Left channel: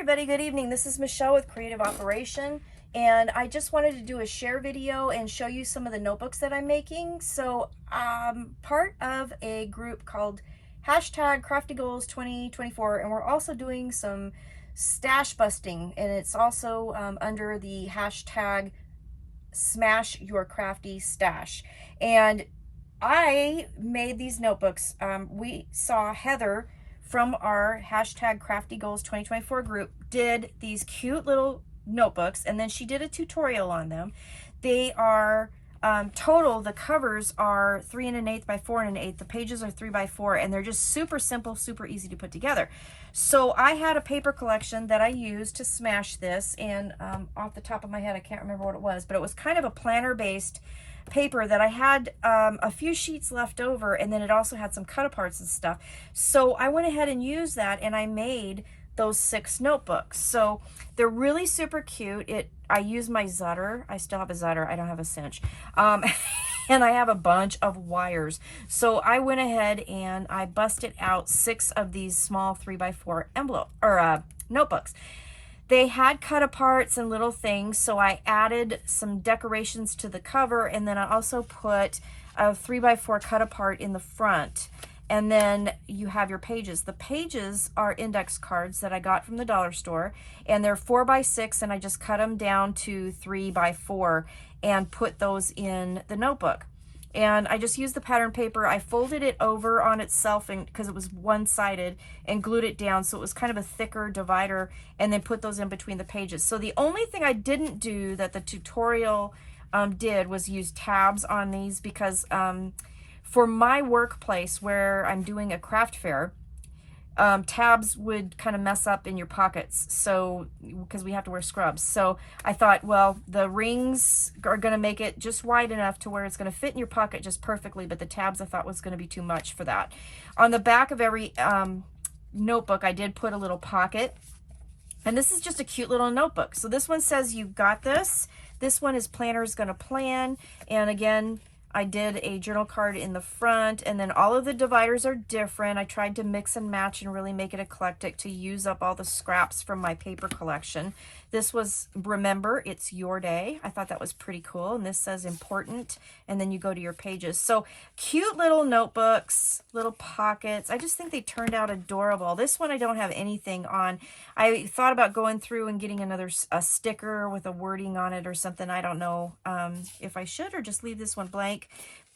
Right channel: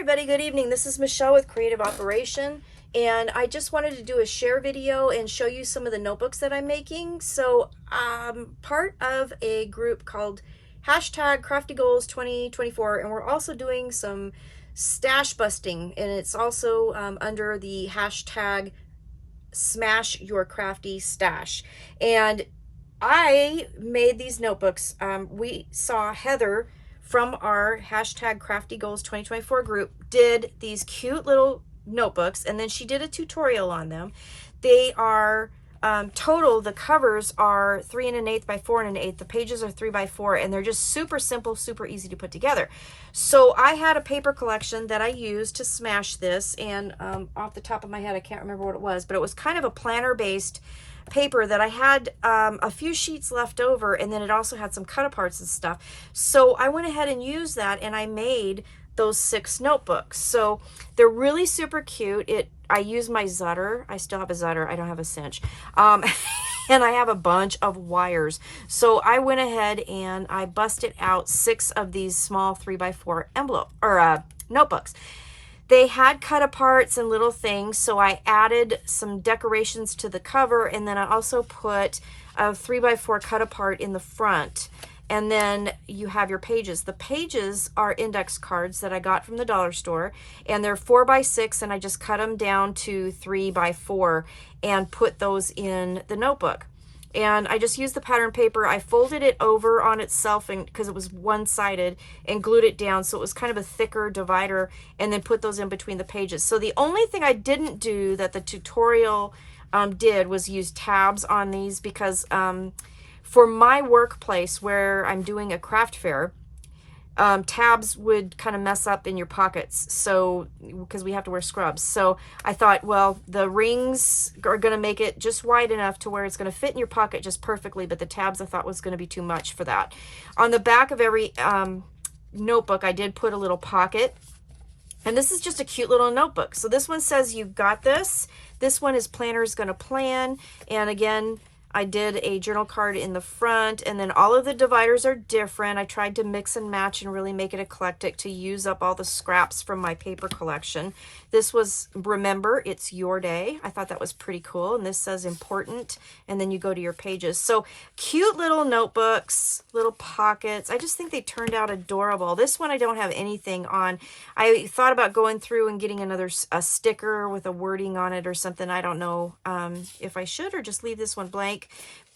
everybody, good evening. This is Michelle with Creative Operation, and I just wanted to do a share video and show you some of the notebooks that I'm making. So I'm part of a group called #CraftyGoals2024, and we're also doing some stash busting, and it's also under the hashtag Smash Your Crafty Stash. And I made these notebooks. We saw Heather from our #CraftyGoals2024 group did these cute little notebooks, and then she did a tutorial on them. They are total, the covers are 3 1/8 by 4 1/8. The pages are 3 by 4, and they're just super simple, super easy to put together. So I had a paper collection that I used to smash this, and off the top of my head, I can't remember what it was, but it was kind of a planner based paper that I had a few sheets left over, and then it also had some cut aparts and stuff. So I went ahead and used that, and I made those 6 notebooks. So they're really super cute. I use my Zutter. I still have a Zutter. I don't have a cinch. And I have a bunch of wires. So I went ahead and I busted out 6 of these small 3 by 4 envelope or notebooks. They had cut aparts and little things, so I added some decorations to the cover, and then I also put a 3 by 4 cut apart in the front. And then you have your pages. The pages are index cards that I got from the dollar store, and they're 4 by 6, and I just cut them down to 3 by 4 and put those in the notebook. And I just used the pattern paper. I folded it over on itself, and because it was one-sided, and glued it down so it was kind of a thicker divider, and then put those in between the pages. So the only thing I didn't do that the tutorial did was use tabs on these, because for my workplace where I'm doing a craft fair, tabs would kind of mess up in your pockets, so because we have to wear scrubs. So I thought, well, the rings are going to make it just wide enough to where it's going to fit in your pocket just perfectly, but the tabs I thought was going to be too much for that. On the back of every notebook, I did put a little pocket, and this is just a cute little notebook. So this one says, "You got this." This one is "Planner's Gonna Plan," and again, I did a journal card in the front, and then all of the dividers are different. I tried to mix and match and really make it eclectic to use up all the scraps from my paper collection. This was "Remember, It's Your Day." I thought that was pretty cool. And this says "Important," and then you go to your pages. So cute little notebooks, little pockets. I just think they turned out adorable. This one I don't have anything on. I thought about going through and getting a sticker with a wording on it or something. I don't know if I should or just leave this one blank.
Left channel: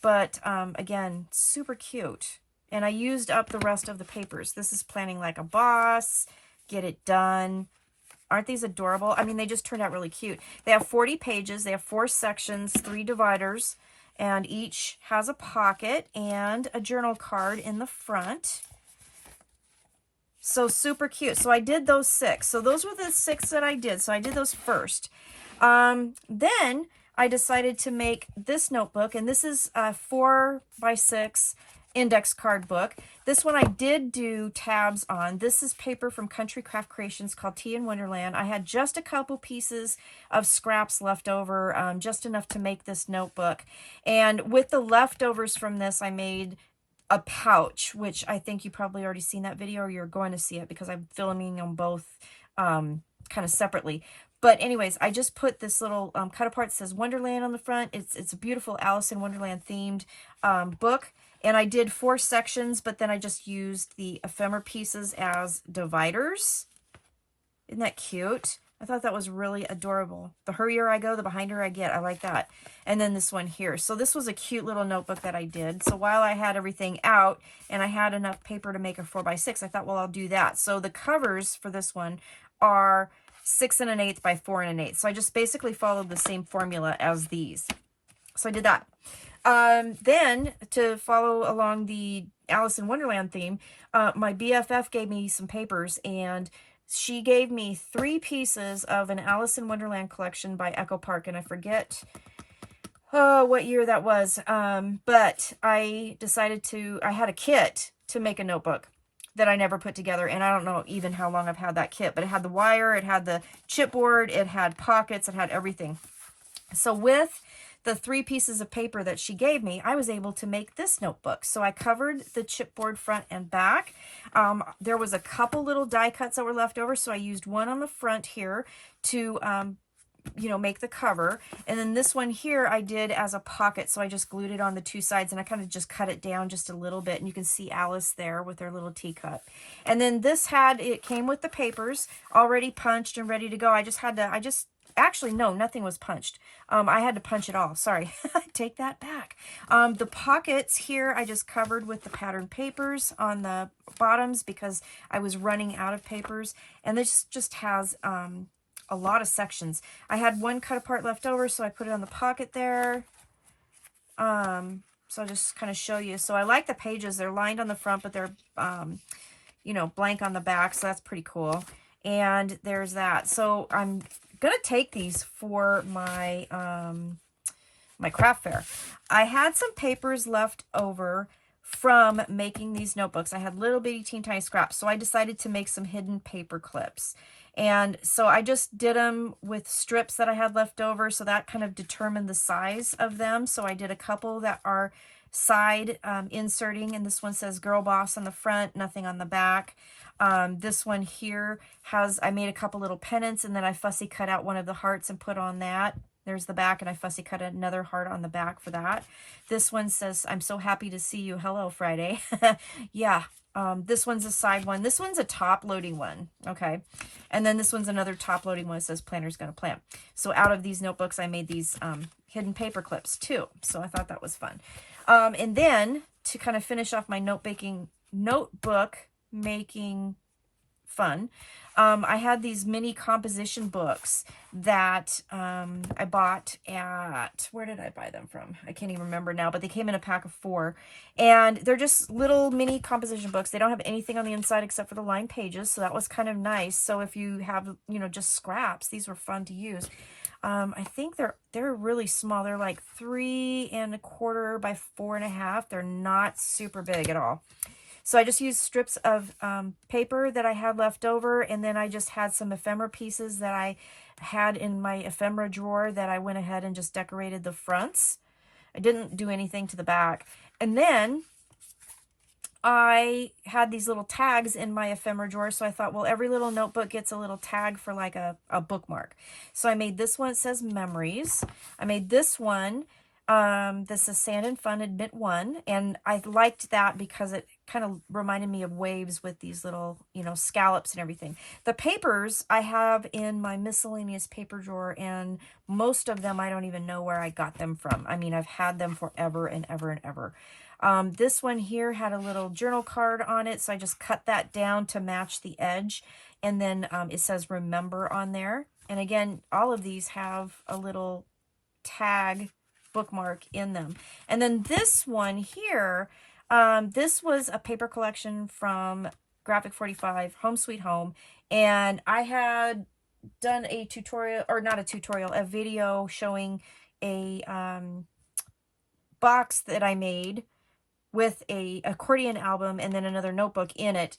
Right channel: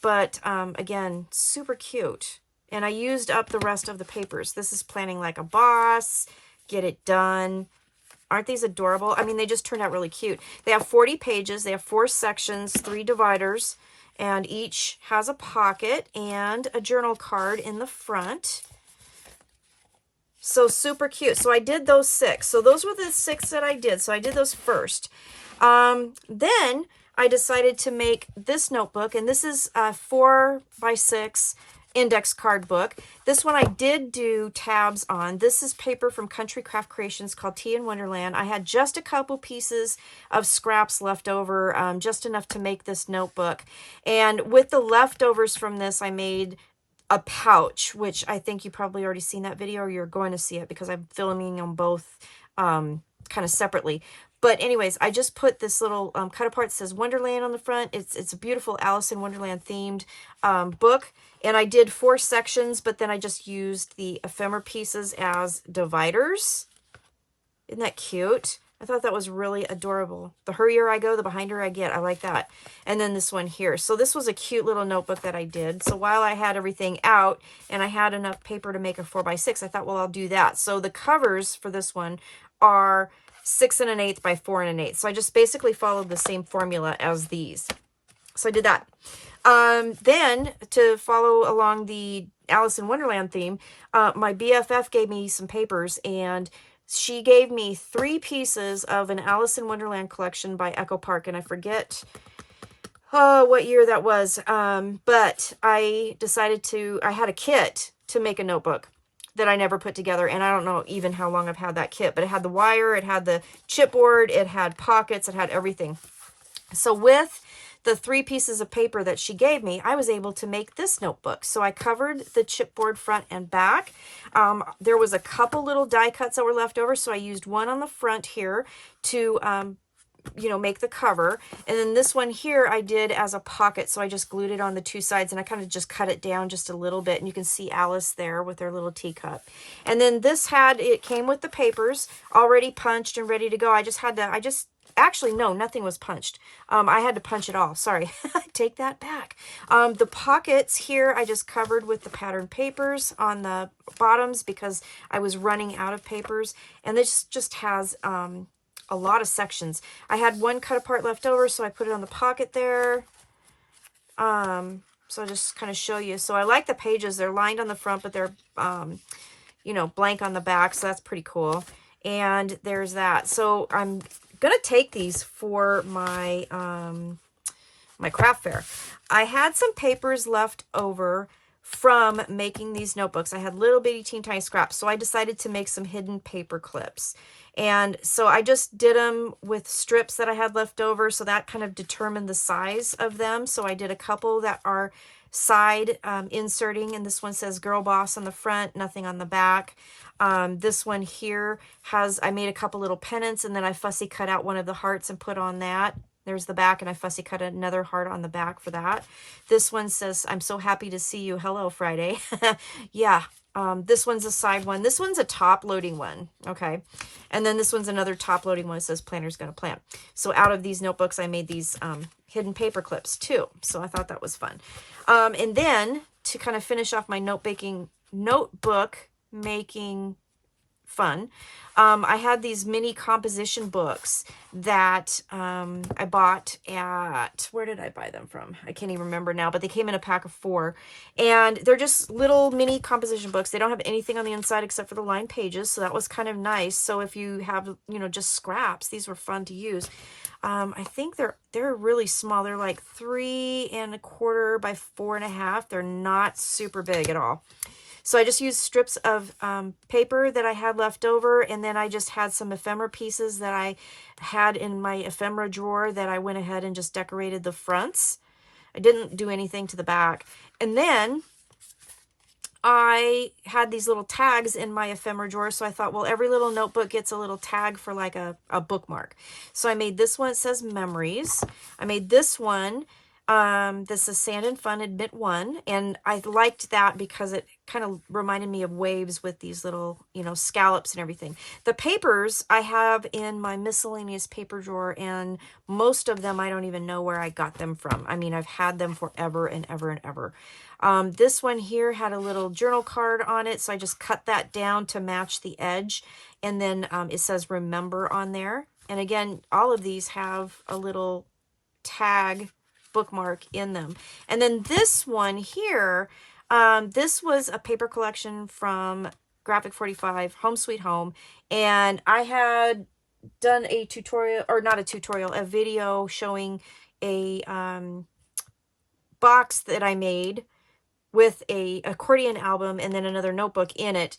But again, super cute. And I used up the rest of the papers. This is "Planning Like a Boss," "Get It Done." Aren't these adorable? I mean, they just turned out really cute. They have 40 pages. They have 4 sections, 3 dividers, and each has a pocket and a journal card in the front. So super cute. So I did those 6. So those were the 6 that I did. So I did those first. Then I decided to make this notebook, and this is a 4 by 6 index card book. This one I did do tabs on. This is paper from Country Craft Creations called Tea in Wonderland. I had just a couple pieces of scraps left over, just enough to make this notebook. And with the leftovers from this, I made a pouch, which I think you probably already seen that video, or you're going to see it because I'm filming them both kind of separately. But anyways, I just put this little cut apart that says Wonderland on the front. It's a beautiful Alice in Wonderland themed book. And I did 4 sections, but then I just used the ephemera pieces as dividers. Isn't that cute? I thought that was really adorable. The hurrier I go, the behinder I get. I like that. And then this one here. So this was a cute little notebook that I did. So while I had everything out and I had enough paper to make a 4 by 6, I thought, well, I'll do that. So the covers for this one are 6 1/8 by 4 1/8. So I just basically followed the same formula as these. So I did that. Then to follow along the Alice in Wonderland theme, my BFF gave me some papers, and she gave me 3 pieces of an Alice in Wonderland collection by Echo Park, and I forget what year that was. But I decided I had a kit to make a notebook that I never put together, and I don't know even how long I've had that kit, but it had the wire, it had the chipboard, it had pockets, it had everything. So with the 3 pieces of paper that she gave me, I was able to make this notebook. So I covered the chipboard front and back. There was a couple little die cuts that were left over, so I used one on the front here to you know, make the cover. And then this one here I did as a pocket, so I just glued it on the 2 sides, and I kind of just cut it down just a little bit, and you can see Alice there with her little teacup. And then this it came with the papers already punched and ready to go. Actually, no, nothing was punched. I had to punch it all. Sorry. Take that back. The pockets here, I just covered with the pattern papers on the bottoms because I was running out of papers. And this just has a lot of sections. I had one cut apart left over, so I put it on the pocket there. So I'll just kind of show you. So I like the pages. They're lined on the front, but they're, you know, blank on the back. So that's pretty cool. And there's that. So I'm gonna take these for my my craft fair. I had some papers left over from making these notebooks. I had little bitty teeny tiny scraps, so I decided to make some hidden paper clips. And so I just did them with strips that I had left over, so that kind of determined the size of them. So I did a couple that are side inserting, and this one says Girl Boss on the front, nothing on the back. This one here I made a couple little pennants, and then I fussy cut out one of the hearts and put on that. There's the back, and I fussy cut another heart on the back for that. This one says, I'm so happy to see you. Hello, Friday. Yeah. This one's a side one. This one's a top loading one. Okay. And then this one's another top loading one. It says Planner's Gonna Plan. So out of these notebooks, I made these hidden paper clips too. So I thought that was fun. And then to kind of finish off my notebook making fun, I had these mini composition books that I bought at, where did I buy them from? I can't even remember now, but they came in a pack of 4. And they're just little mini composition books. They don't have anything on the inside except for the lined pages, so that was kind of nice. So if you have, you know, just scraps, these were fun to use. I think they're really small. They're like 3 1/4 by 4 1/2. They're not super big at all. So I just used strips of paper that I had left over, and then I just had some ephemera pieces that I had in my ephemera drawer that I went ahead and just decorated the fronts. I didn't do anything to the back. And then I had these little tags in my ephemera drawer, so I thought, well, every little notebook gets a little tag for like a bookmark. So I made this one. It says Memories. I made this one. This is Sand and Fun Admit 1, and I liked that because it kind of reminded me of waves with these little, you know, scallops and everything. The papers I have in my miscellaneous paper drawer, and most of them I don't even know where I got them from. I mean, I've had them forever and ever and ever. This one here had a little journal card on it, so I just cut that down to match the edge, and then it says Remember on there. And again, all of these have a little tag bookmark in them. And then this one here, this was a paper collection from Graphic 45, Home Sweet Home, and I had done a tutorial, or not a tutorial, a video showing a box that I made with a accordion album and then another notebook in it,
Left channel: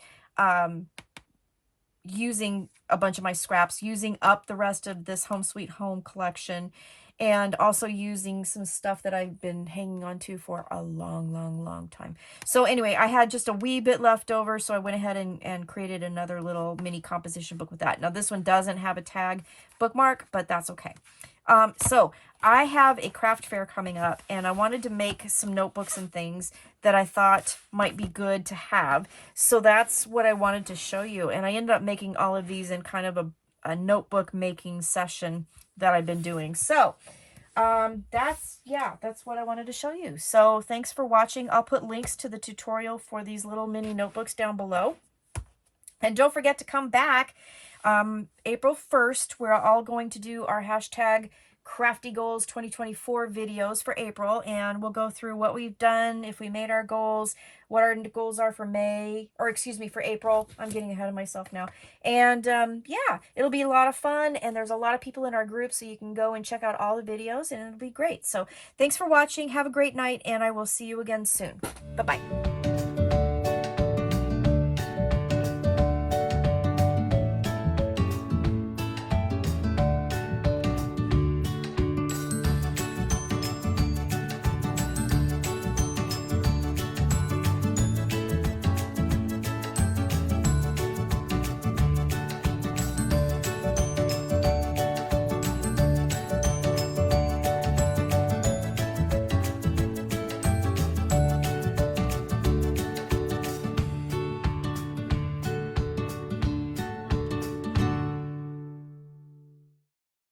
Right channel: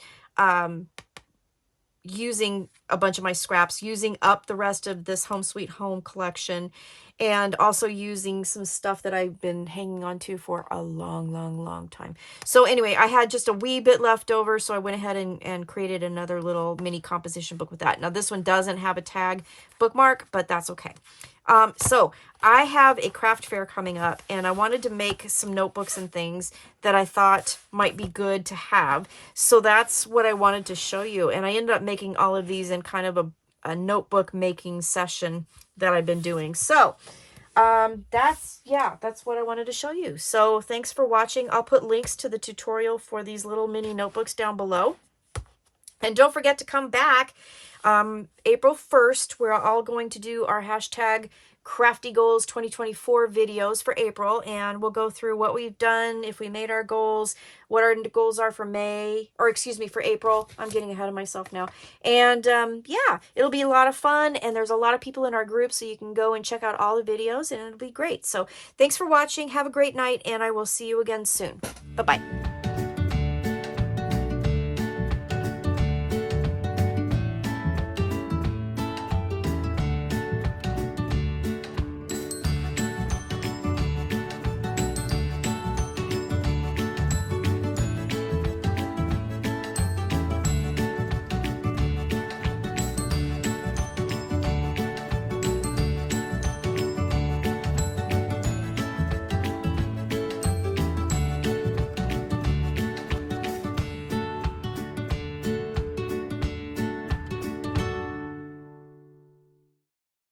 using a bunch of my scraps, using up the rest of this Home Sweet Home collection, and also using some stuff that I've been hanging on to for a long, long, long time. So anyway, I had just a wee bit left over, so I went ahead and created another little mini composition book with that. Now, this one doesn't have a tag bookmark, but that's okay. So I have a craft fair coming up, and I wanted to make some notebooks and things that I thought might be good to have. So that's what I wanted to show you. And I ended up making all of these in kind of a notebook making session that I've been doing. So that's what I wanted to show you. So thanks for watching. I'll put links to the tutorial for these little mini notebooks down below. And don't forget to come back April 1st. We're all going to do our hashtag Crafty Goals 2024 videos for April, and we'll go through what we've done, if we made our goals, what our goals are for for April. I'm getting ahead of myself now. And yeah, it'll be a lot of fun, and there's a lot of people in our group, so you can go and check out all the videos, and it'll be great. So thanks for watching. Have a great night, and I will see you again soon. Bye-bye.